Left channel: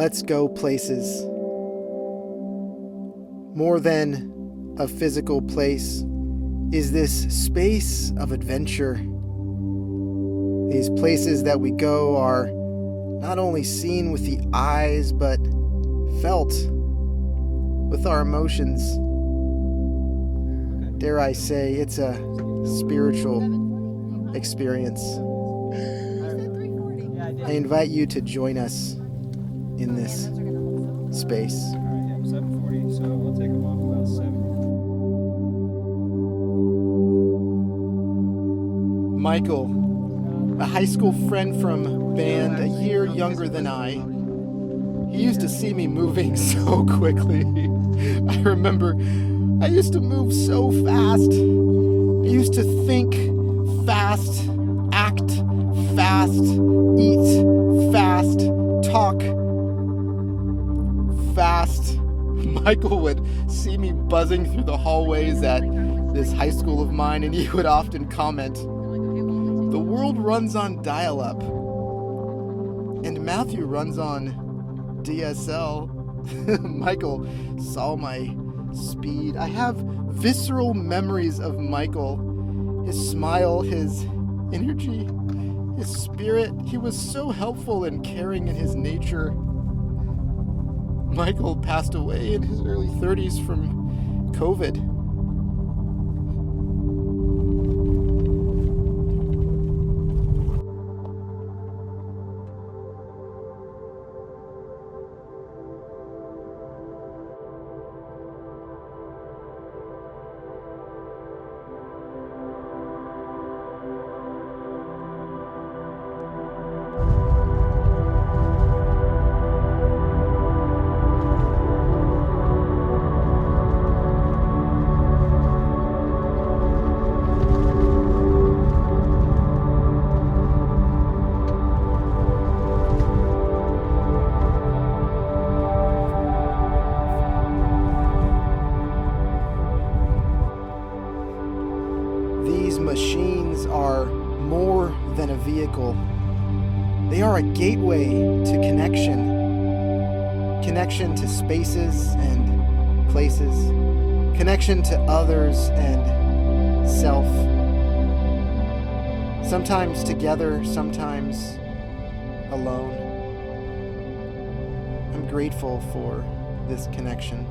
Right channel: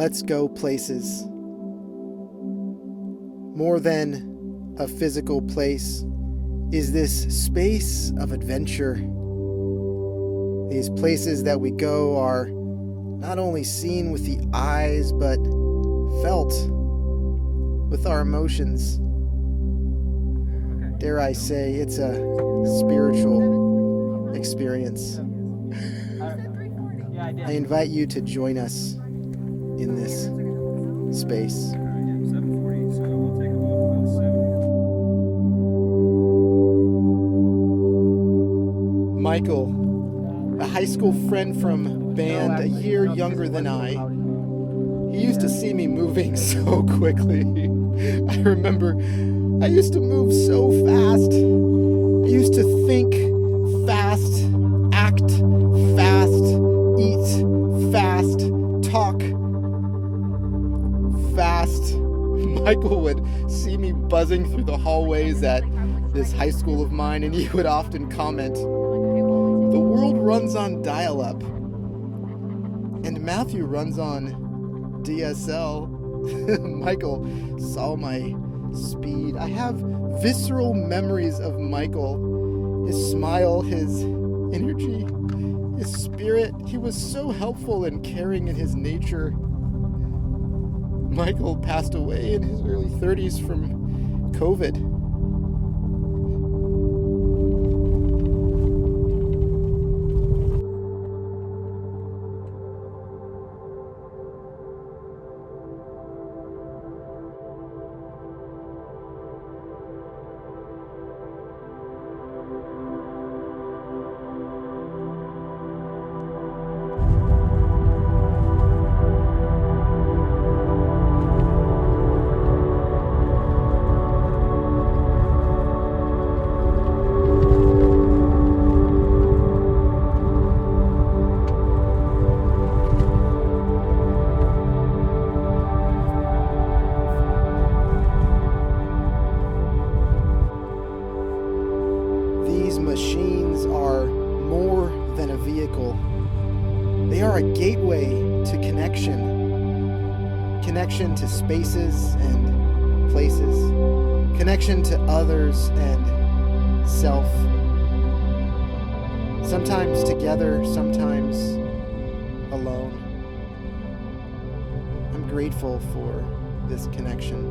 Let's go places. More than a physical place is this space of adventure. These places that we go are not only seen with the eyes, but felt with our emotions. Dare I say, it's a spiritual experience. I invite you to join us in this space. Michael, a high school friend from band, a year younger than I. He used to see me moving so quickly. I remember I used to move so fast. I used to think fast, act fast, eat fast, talk fast. Michael would see me buzzing through the hallways at this high school of mine, and he would often comment, "The world runs on dial-up, and Matthew runs on DSL." Michael saw my speed. I have visceral memories of Michael, his smile, his energy, his spirit. He was so helpful and caring in his nature. Michael passed away in his early 30s from COVID. Machines are more than a vehicle. They are a gateway to connection to spaces and places, connection to others and self. Sometimes together, sometimes alone. I'm grateful for this connection.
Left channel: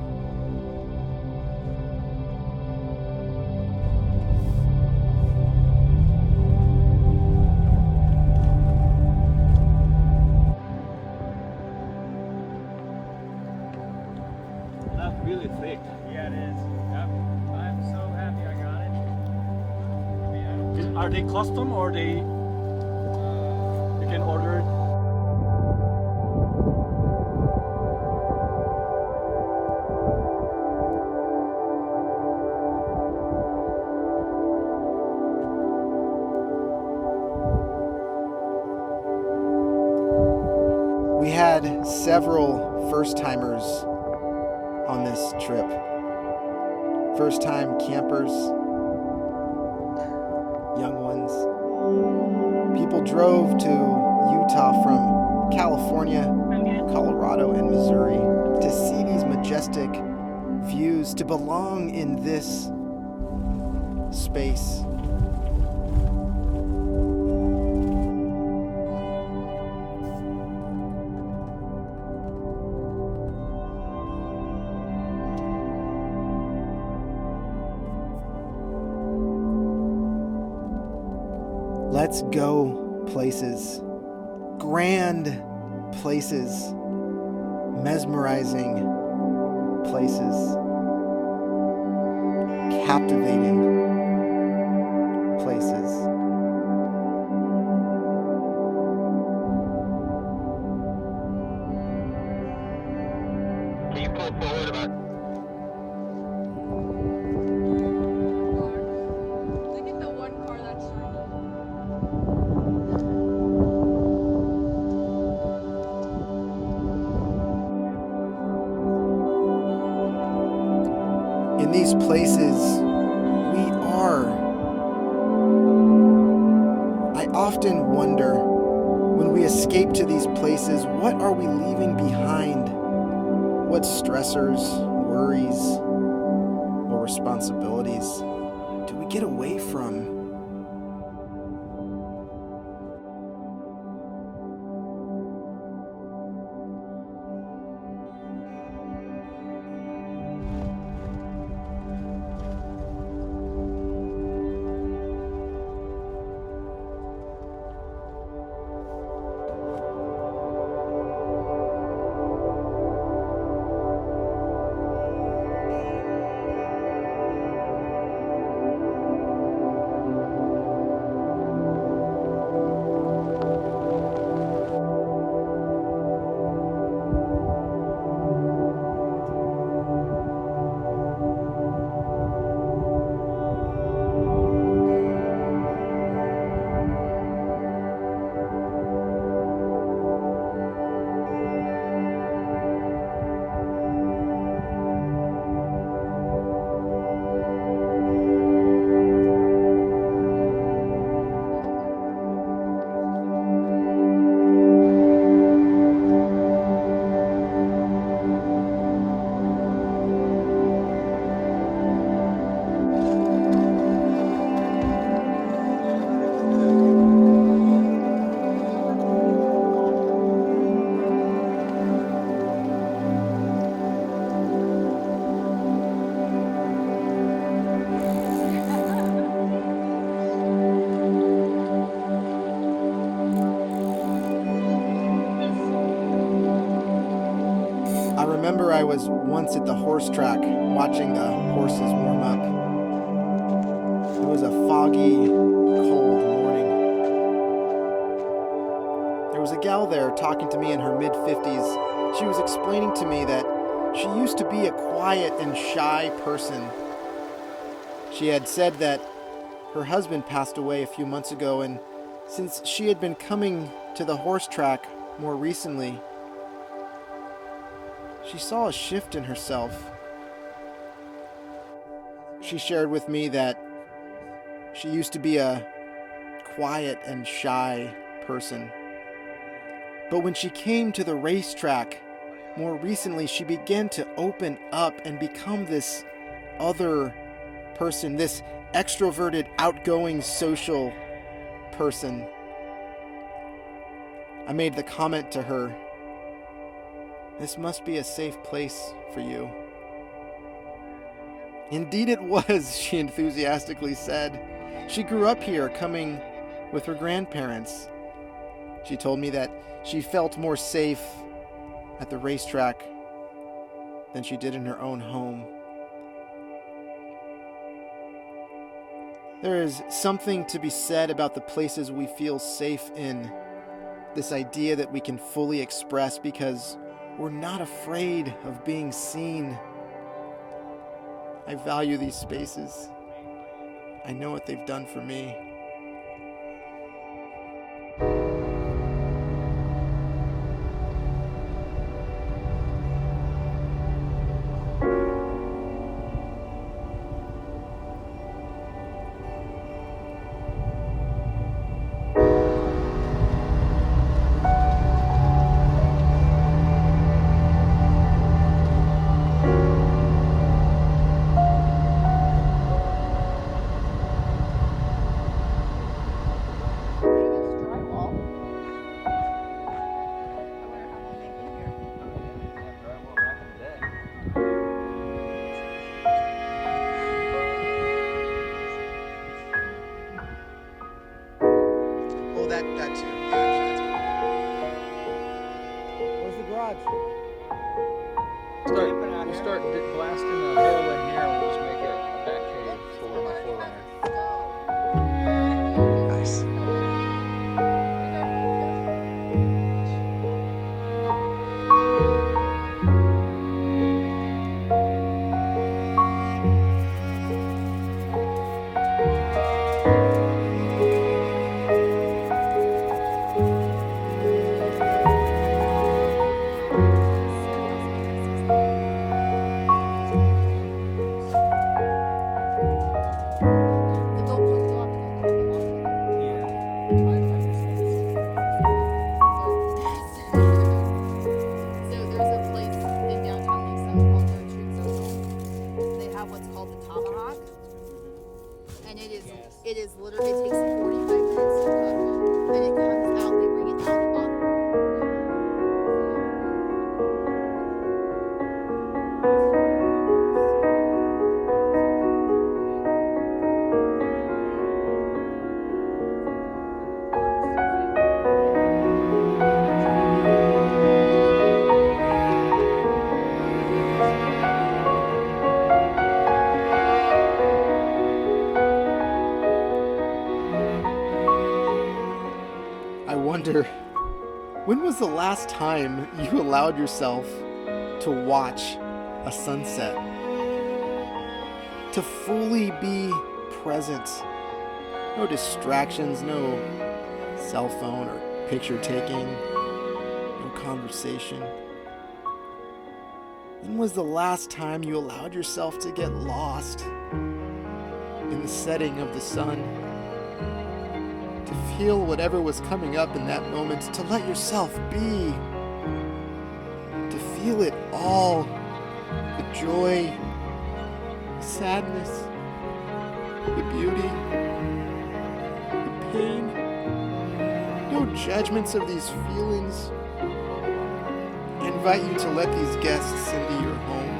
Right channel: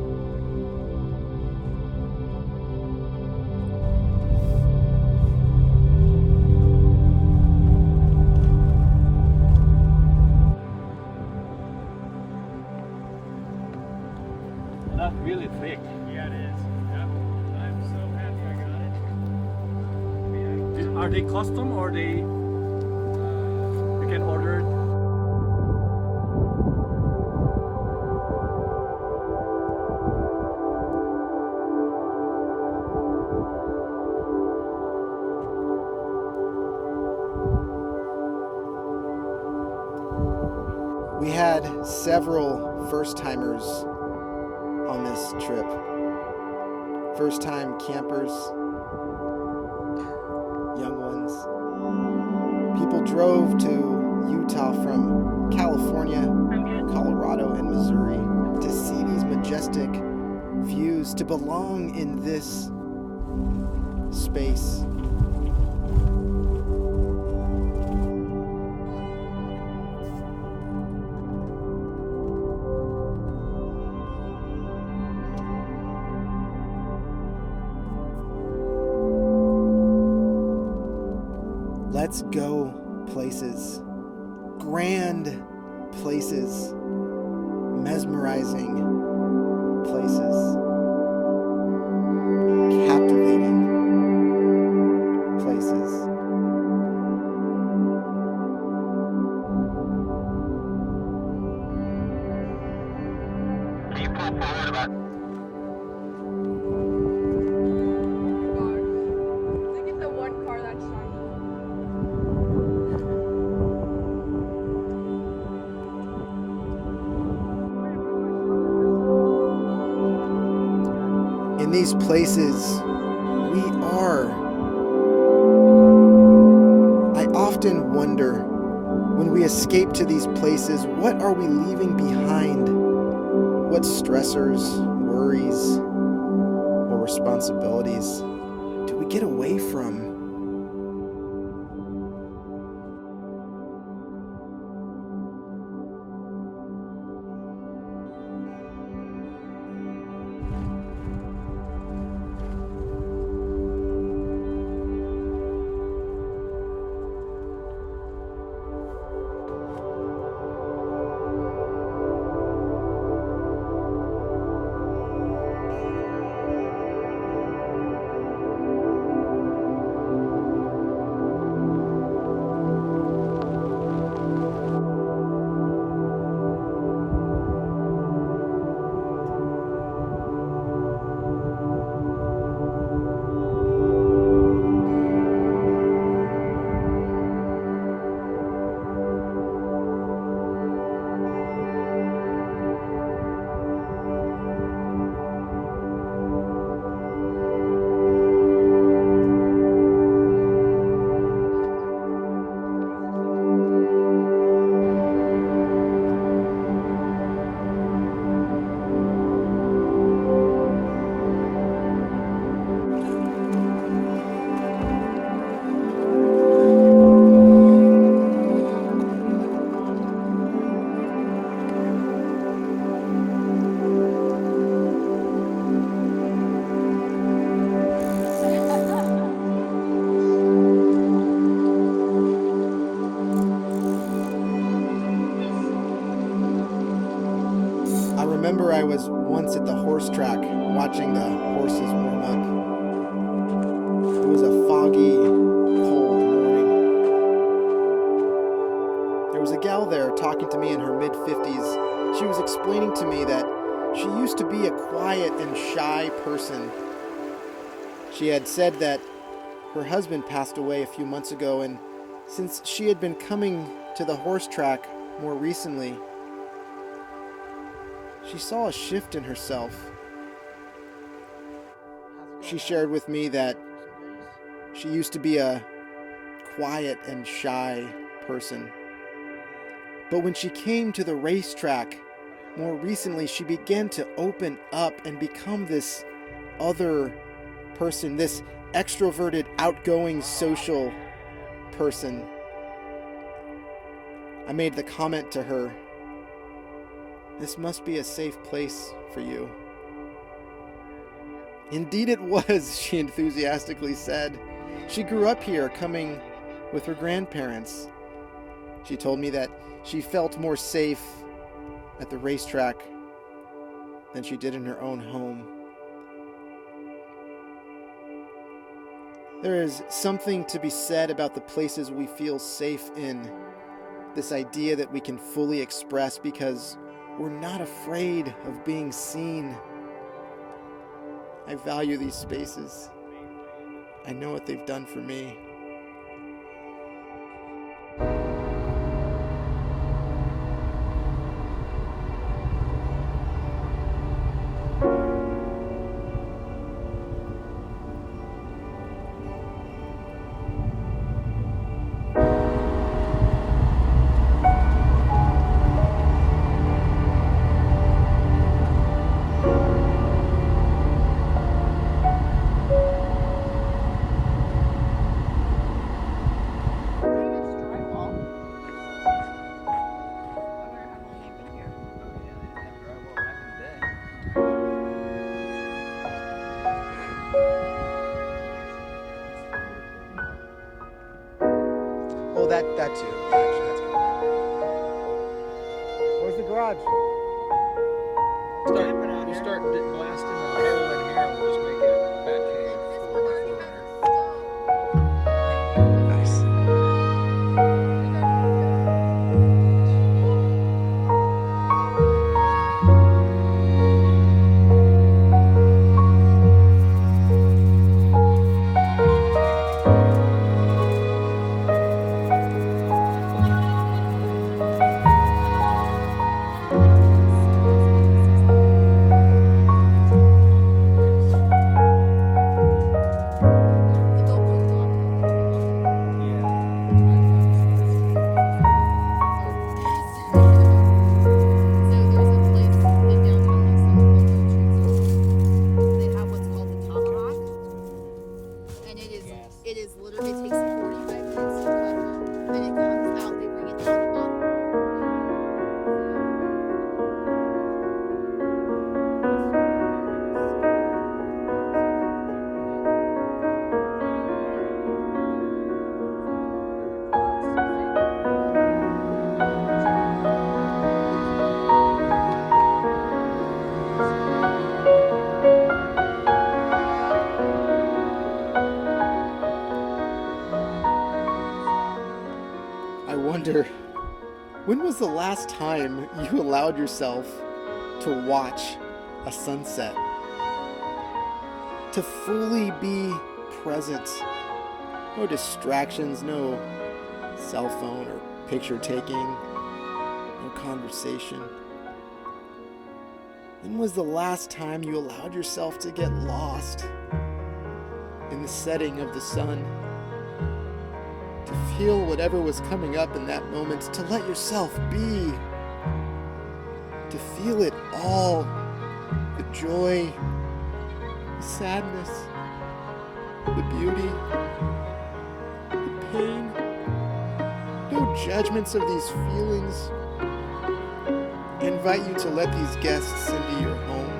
That really clicked. Yeah, it is. Yep. I'm so happy I got it. Are they custom or they you can order it? We had several first-timers on this trip. First-time campers, young ones. People drove to Utah from California, Colorado, and Missouri to see these majestic views, to belong in this space. Let's go places, grand places, mesmerizing places, captivating places. Can you pull forward about? In these places, I often wonder When we escape to these places, what are we leaving behind? What stressors, worries, or responsibilities do we get away from? I remember I was once at the horse track watching the horses warm up. It was a foggy, cold morning. There was a gal there talking to me in her mid-50s. She was explaining to me that she used to be a quiet and shy person. She had said that her husband passed away a few months ago, and since she had been coming to the horse track more recently, she saw a shift in herself. She shared with me that she used to be a quiet and shy person. But when she came to the racetrack more recently, she began to open up and become this other person, this extroverted, outgoing, social person. I made the comment to her, "This must be a safe place for you." Indeed it was, she enthusiastically said. She grew up here, coming with her grandparents. She told me that she felt more safe at the racetrack than she did in her own home. There is something to be said about the places we feel safe in. This idea that we can fully express because we're not afraid of being seen. I value these spaces. I know what they've done for me. That too. Where's the garage? You start blasting the hole in here and we'll just make it a back cave for my 4Runner. Nice. wonder, when was the last time you allowed yourself to watch a sunset? To fully be present. No distractions, no cell phone or picture taking, no conversation. When was the last time you allowed yourself to get lost in the setting of the sun? To feel whatever was coming up in that moment, to let yourself be, to feel it all, the joy, the sadness, the beauty, the pain, no judgments of these feelings. I invite you to let these guests into your home.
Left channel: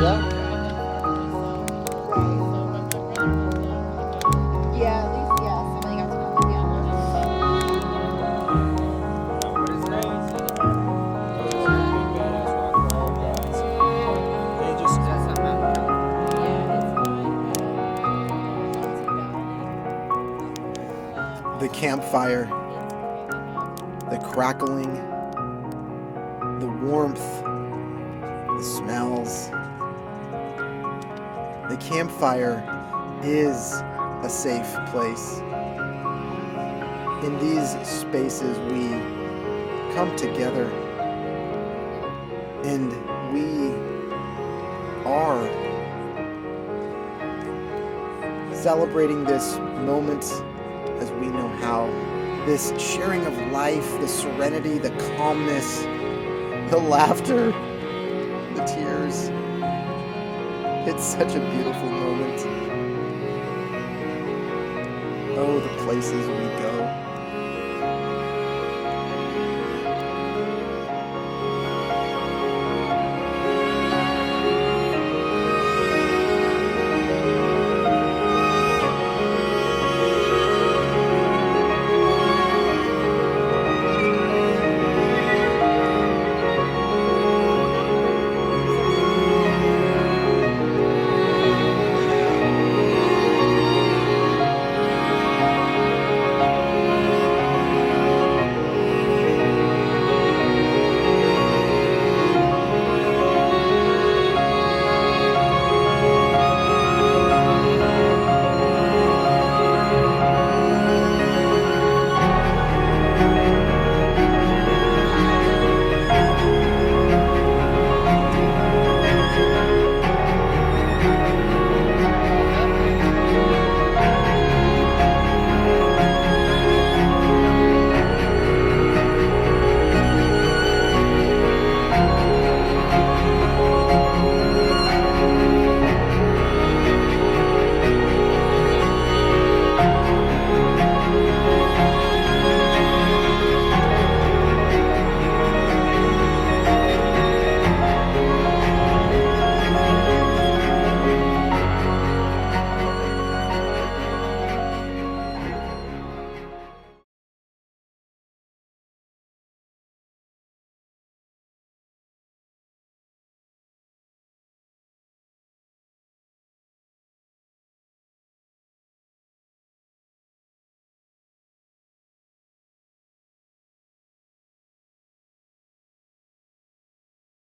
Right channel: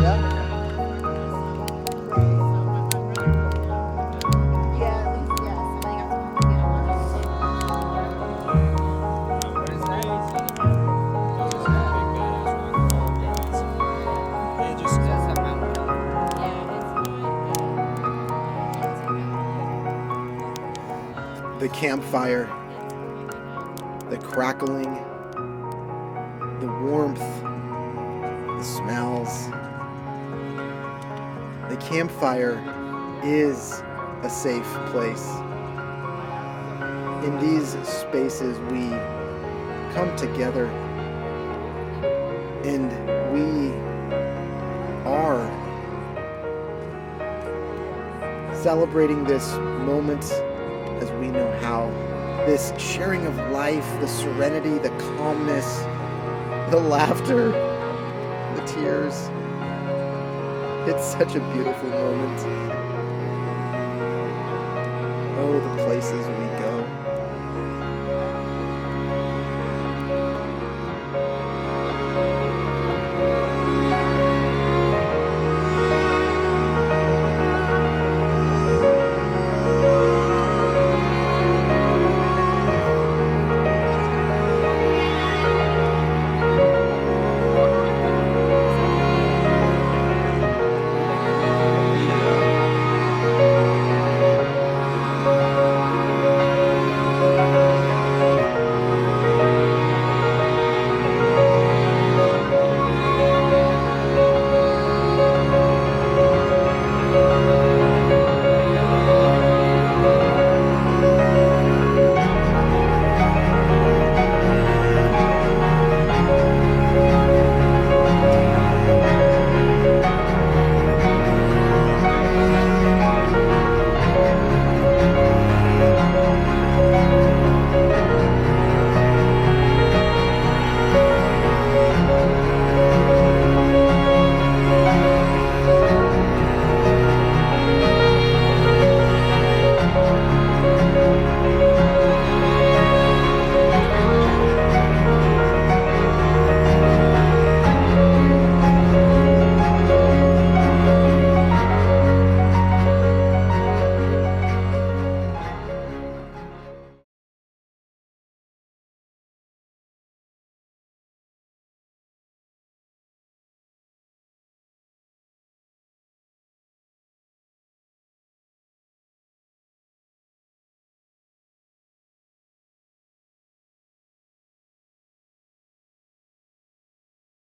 Yeah. What is that? Those are big badass rock wall guys. They just that's a mountain. The campfire, the crackling, the warmth, the smells. The campfire is a safe place. In these spaces, we come together and we are celebrating this moment as we know how. This sharing of life, the serenity, the calmness, the laughter, the tears. It's such a beautiful moment. Oh, the places we go.